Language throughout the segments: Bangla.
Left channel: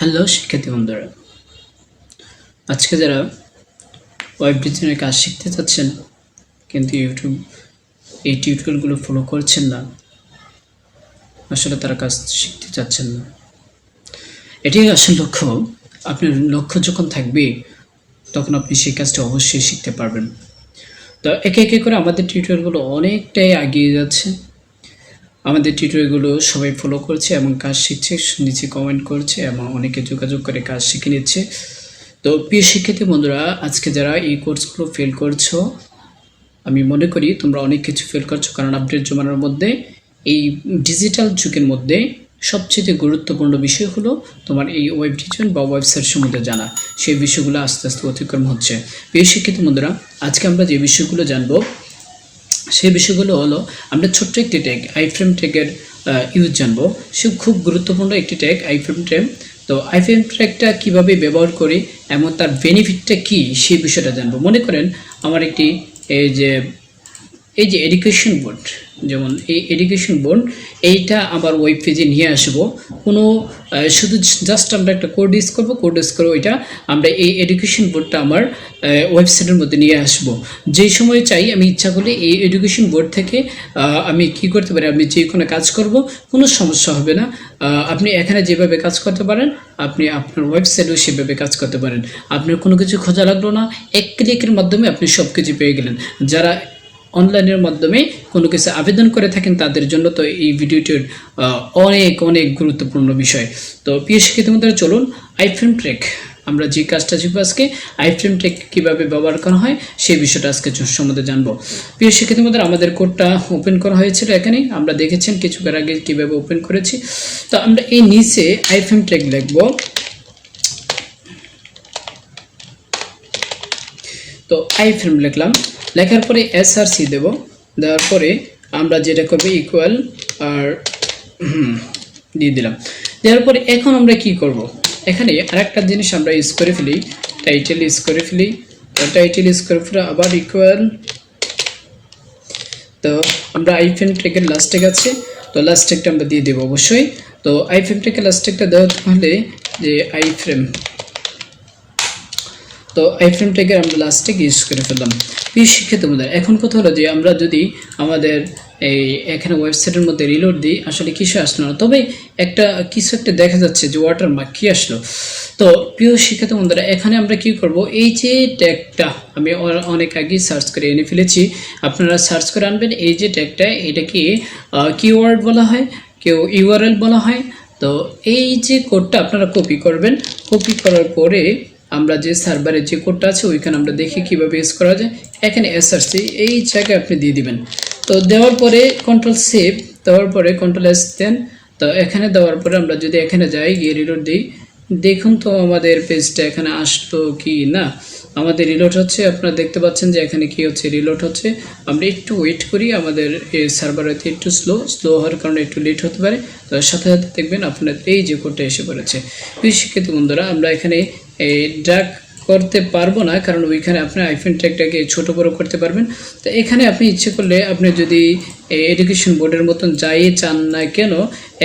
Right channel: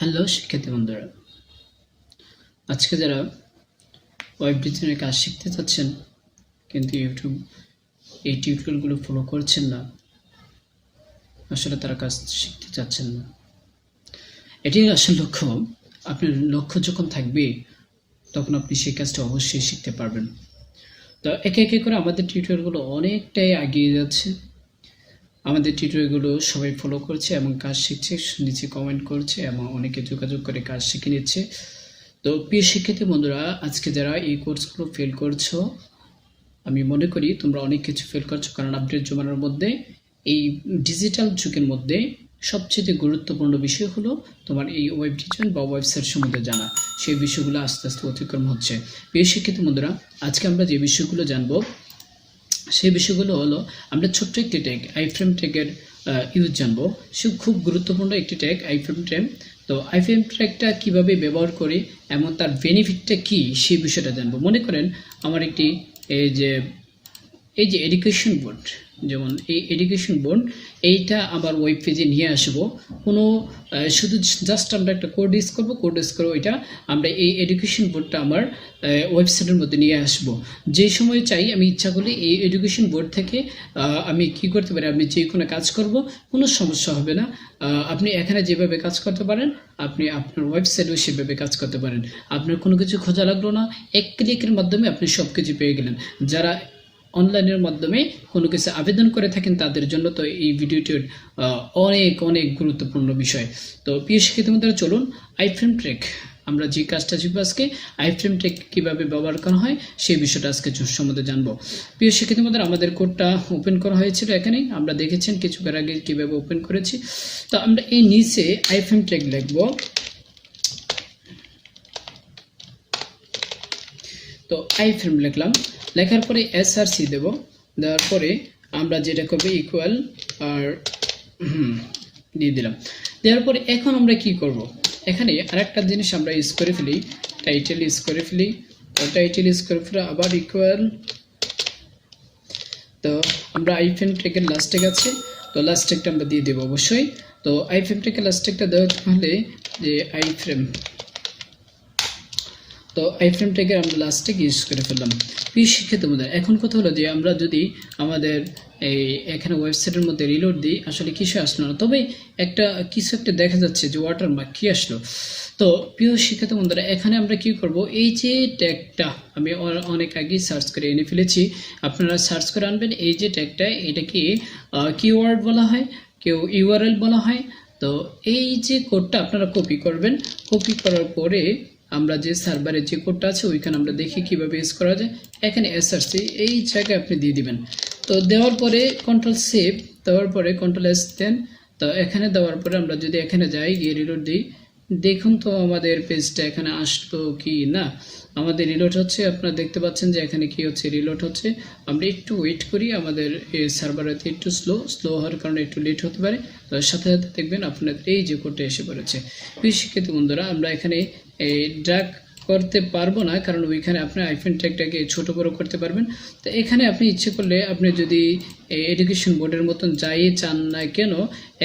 হ্যালো শিক্ষার্থী বন্ধুরা, আজকে যারা ওয়েব ডিজাইনের কাজ শিখতে চাচ্ছেন কিন্তু এই টিউটোরিয়ালগুলো ফলো করছেন না, আসলে তারা কাজ শিখতে চাচ্ছেন না। এটাই আসল লক্ষ্য। আপনার লক্ষ্য যখন থাকবে তখন আপনি সেই কাজটা অবশ্যই শিখতে পারবেন। তো একে একে করে আমাদের টিউটোরিয়ালগুলো অনেকটাই এগিয়ে যাচ্ছে। আমাদের টিউটোরিয়ালগুলো সবাই ফলো করছে এবং কাজ শিখছে, নিচে কমেন্ট করছে এবং অনেকে যোগাযোগ করে কাজ শিখে নিচ্ছে। তো প্রিয় শিক্ষার্থী বন্ধুরা, আজকে যারা এই কোর্সগুলো ফেল করছো, আমি মনে করি তোমরা অনেক কিছু ফেল করছো, কারণ আপডেট জমানোর মধ্যে এই ডিজিটাল যুগের মধ্যে সবচেয়ে গুরুত্বপূর্ণ বিষয় হলো তোমার এই ওয়েব ডিজাইন বা ওয়েবসাইট সম্বন্ধে জানা। সেই বিষয়গুলো আস্তে আস্তে অতিক্রম হচ্ছে। প্রিয় শিক্ষার্থী বন্ধুরা, আজকে আমরা যে বিষয়গুলো জানবো সেই বিষয়গুলো হলো, আমরা ছোট্ট একটি ট্যাগ আইফ্রেম ট্যাগের ইউজ জানবো। সে খুব গুরুত্বপূর্ণ একটি ট্যাগ আইফ্রেম ট্যাগ। তো আইফ্রেম ট্যাগটা কীভাবে ব্যবহার করি এবং তার বেনিফিটটা কী সেই বিষয়টা জানবো। মনে করেন আমার একটি এই যে এডুকেশন বোর্ড, যেমন এই এডুকেশন বোর্ড, এইটা আমার ওয়েব পেজে নিয়ে আসবো। কোনো শুধু জাস্ট আমরা একটা কোড ইউজ করবো, কোড ইউজ করে ওইটা আমরা এই এডুকেশন বোর্ডটা আমার ওয়েবসাইটের মধ্যে নিয়ে আসবো। যেই সময় চাই আমি ইচ্ছা করলে এই এডুকেশন বোর্ড থেকে আমি কি করতে পারি, আমি যে কোনো কাজ করব, কোনো সমস্যা হবে না। আপনি এখানে যেভাবে কাজ করতে পারেন, আপনি আপনার ওয়েবসাইটেও সেভাবে কাজ করতে পারেন। আপনার কোনো কিছু খোঁজা লাগলো না, এক ক্লিকের মাধ্যমে আপনি সব কিছু পেয়ে গেলেন। যারা অনলাইনের মাধ্যমে কোনো কিছু আবেদন করে থাকেন তাদের জন্য তো এই ভিডিওটির অনেক অনেক গুরুত্বপূর্ণ বিষয়। তো প্রিয় শিক্ষার্থী বন্ধুরা, চলুন আইফ্রেম ট্যাগ, আমরা যে কাজটা শিখবো আজকে, আইফ্রেম ট্যাগ কীভাবে ব্যবহার করা হয় সেই বিষয়টা আজকে সম্বন্ধে জানবো। প্রিয় শিক্ষার্থী বন্ধুরা, আমাদের কোডটা ওপেন করা হয়েছিল এখানে, আমরা দেখেছেন কিছুক্ষণ আগে কীভাবে ওপেন করেছি। তো আমরা এই নিচে আইফ্রেম ট্যাগ লিখবো। তো আইফ্রেম লিখলাম, লেখার পরে SRC দেব, দেওয়ার পরে আমরা যেটা করবো ইকুয়াল আর দিয়ে দিলাম। দেওয়ার পরে এখন আমরা কি করব, এখানে আরেকটা জিনিস আমরা ইউজ করে ফেলি, টাইটেল ইউজ করে ফেলি। টাইটেল ইউজ করে ফেলে আবার ইকুয়াল। তো আমরা আইফ্রেম ট্যাগের লাস্ট ট্যাগ আছে, তো লাস্ট ট্যাগটা আমরা দিয়ে দেবো অবশ্যই। তো আইফ্রেম ট্যাগের লাস্ট ট্যাগটা দেওয়া হলে যে আইফ্রেম, তো আইফ্রেম ট্যাগের আমরা লাস্ট ট্যাগ ইউজ করে ফেললাম। প্রিয় শিক্ষার্থী বন্ধুরা, এখন কথা হলো যে আমরা যদি আমাদের এই এখানে ওয়েবসাইটের মধ্যে রিলোড দিই, আসলে কিছু আসলো না, তবে কিছু একটা দেখা যাচ্ছে যে ওয়াটারমার্ক কি আসলো। তো প্রিয় শিক্ষার্থী বন্ধুরা, এখানে আমরা কি করব, এই যে ট্যাগটা আমি অনেক আগে সার্চ করে এনে ফেলেছি, আপনারা সার্চ করে আনবেন। এই যে ট্যাগটা, এটাকে কিওয়ার্ড বলা হয়, কেউ ইউআরএল বলা হয়। তো এই যে কোডটা আপনারা কপি করবেন, কপি করার পরে আমরা যে সার্ভারে যে কোডটা আছে ওইখানে আমরা দেখি কীভাবে ইউজ করা যায়। এখানে SRC এই জায়গায় আপনি দিয়ে দিবেন। তো দেওয়ার পরে কন্ট্রোল সেভ, দেওয়ার পরে কন্ট্রোল S দেন। তো এখানে দেওয়ার পরে আমরা যদি এখানে যাই, গিয়ে রিলোড দিই, দেখুন তো আমাদের পেজটা এখানে আসলো কি না। আমাদের রিলোড হচ্ছে, আপনারা দেখতে পাচ্ছেন যে এখানে কি হচ্ছে, রিলোড হচ্ছে। আমরা একটু ওয়েট করি, আমাদের এই সার্ভার হয়তো একটু স্লো হওয়ার কারণে একটু লেট হতে পারে। তো সাথে সাথে দেখবেন আপনার এই যে কোডটা এসে পড়েছে। প্রিয় শিক্ষার্থী বন্ধুরা, আমরা এখানে ড্র্যাগ করতে পারবো না, কারণ ওইখানে আপনি আইফ্রেম ট্যাগটাকে ছোটো বড়ো করতে পারবেন। তো এখানে আপনি ইচ্ছে করলে আপনি যদি এডুকেশন বোর্ডের মতন যাই চান না কেন,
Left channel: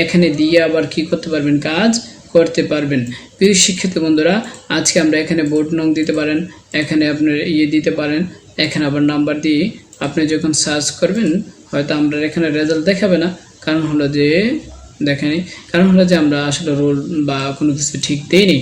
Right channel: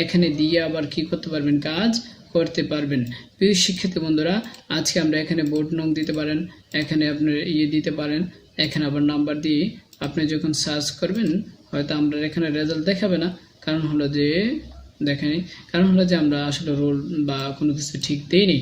এখানে দিয়ে আবার কি করতে পারবেন, কাজ করতে পারবেন। প্রিয় শিক্ষার্থী বন্ধুরা, আজকে আমরা এখানে বোর্ড নং দিতে পারেন, এখানে আপনার দিতে পারেন, এখানে আবার নাম্বার দিয়ে আপনি যখন সার্চ করবেন হয়তো আমরা এখানে রেজাল্ট দেখাবে না, কারণ হলো যে আমরা আসলে রোল বা কোনো কিছু ঠিক দেইনি।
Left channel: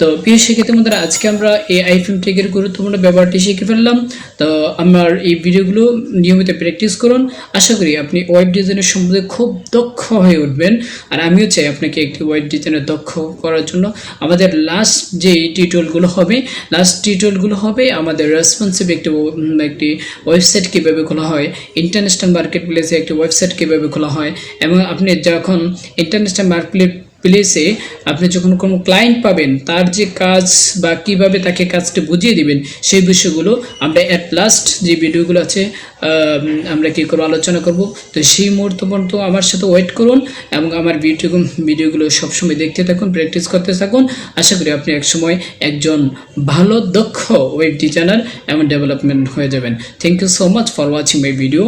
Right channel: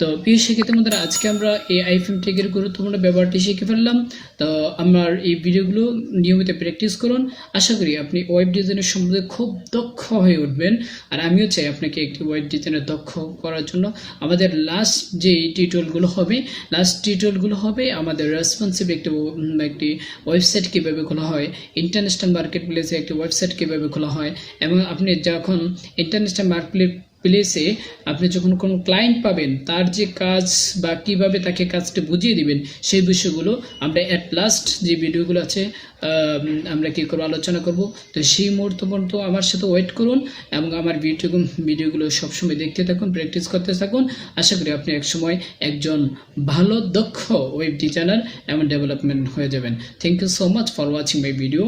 তো প্রিয় শিক্ষার্থী বন্ধুরা, আজকে আমরা এই আইফ্রেম ট্যাগের গুরুত্বপূর্ণ ব্যবহারটি শিখে ফেললাম। তো আমার এই ভিডিওগুলো নিয়মিত প্র্যাকটিস করুন, আশা করি আপনি ওয়েব ডিজাইনের সম্বন্ধে খুব দক্ষ হয়ে উঠবেন। আর আমিও চাই আপনাকে একটি ওয়েব ডিজাইনের দক্ষ করার জন্য। আমাদের লাস্ট যে টিউটোরিয়ালগুলো হবে আমাদের রেসপন্সিভ একটি ওয়েবসাইট কীভাবে খোলা হয়, ইন্টারন্যাশনাল মার্কেট প্লেসে একটি ওয়েবসাইট কীভাবে খোলা হয়, এবং আপনি যখন ইন্টারন্যাশনাল মার্কেট প্লেসে আপনি যখন কোনো ক্লায়েন্ট পাবেন, তার যে কাজ বা কিভাবে তাকে কাজটি বুঝিয়ে দিবেন, সেই বিষয়গুলো আমরা অ্যাট লাস্ট যে ভিডিওগুলো আছে আমরা কী করে আলোচনা করব। তো সেই মুহূর্ত পর্যন্ত আমার সাথে ওয়েট করুন এবং আমার ভিডিওগুলো সবসময় দেখতে থাকুন, প্র্যাকটিস করতে থাকুন। আশা করি আপনি একসময় একজন ভালো দক্ষ ওয়েব ডিজাইনার এবং ডেভেলপমেন্ট হয়ে যাবেন। Thank you so much for watching my video.